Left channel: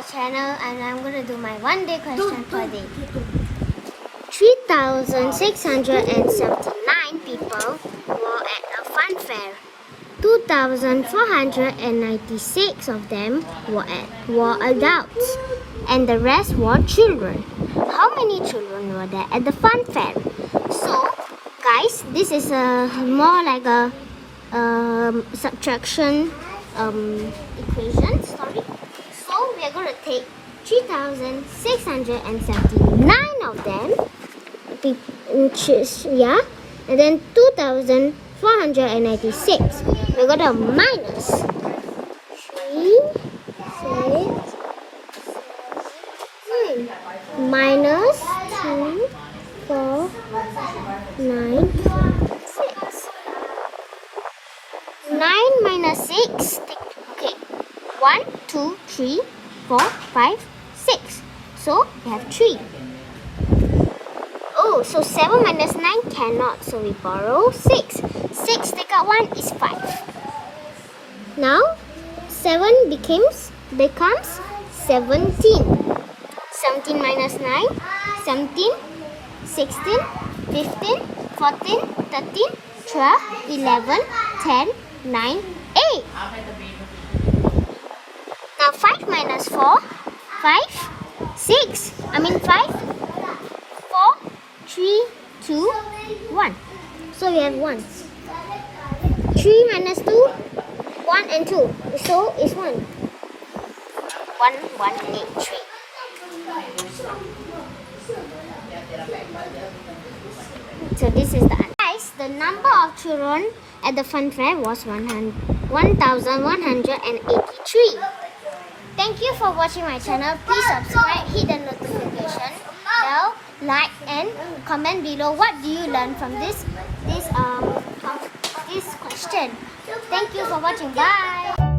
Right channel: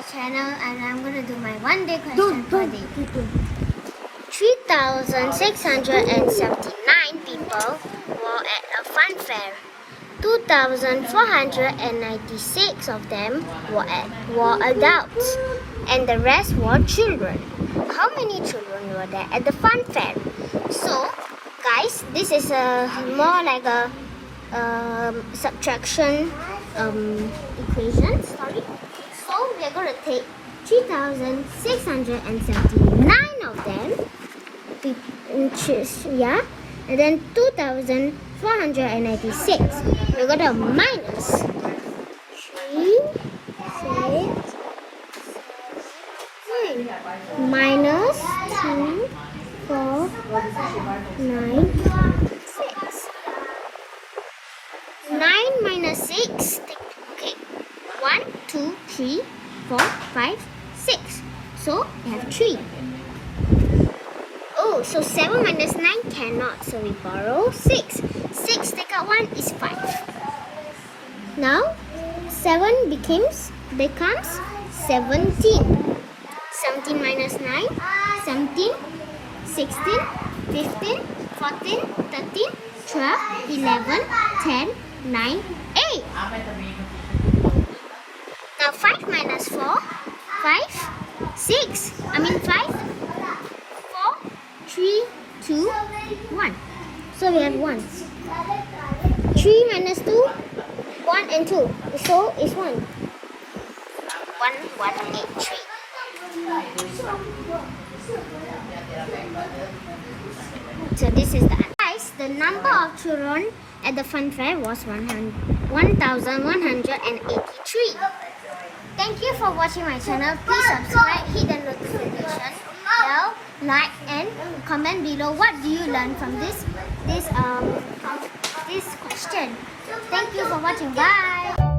my channel and I'm going to do my one day question for the day. 3,679 people were at a fun fair. 2,496 of them were adults and the rest were children. How many children were there at the fun fair? So guys, this is more like a subtraction equation. Sorry. So we are going to take 3,679 of them, which is and then 2,496. We're going to minus 3, 6, 7, minus 2, 4, 9, 6. 9 minus 6. Okay. 1, 2, 3, 4, 5, 6. So we have 3. Oh, so 7 minus 9 cannot. So we borrow 6. 6 take out 1 is 5. Now 7 becomes 17. 17 minus 9, 17, 16, 15, 14, 13, 12, 11, 10, 9, 8. Now 5 minus 4, 5, 6. 4, 3, 2, 1. So we have 1. 3 minus 2, 1 and 2. So it's 1. 1, 1, 8, 3. So this is the answer. Guys, the number of children at the fun fair was 1,183. Thank you for watching my channel. Please subscribe, hit the notification bell, like and comment below what do you learn from this question. Thank you for watching. Bye.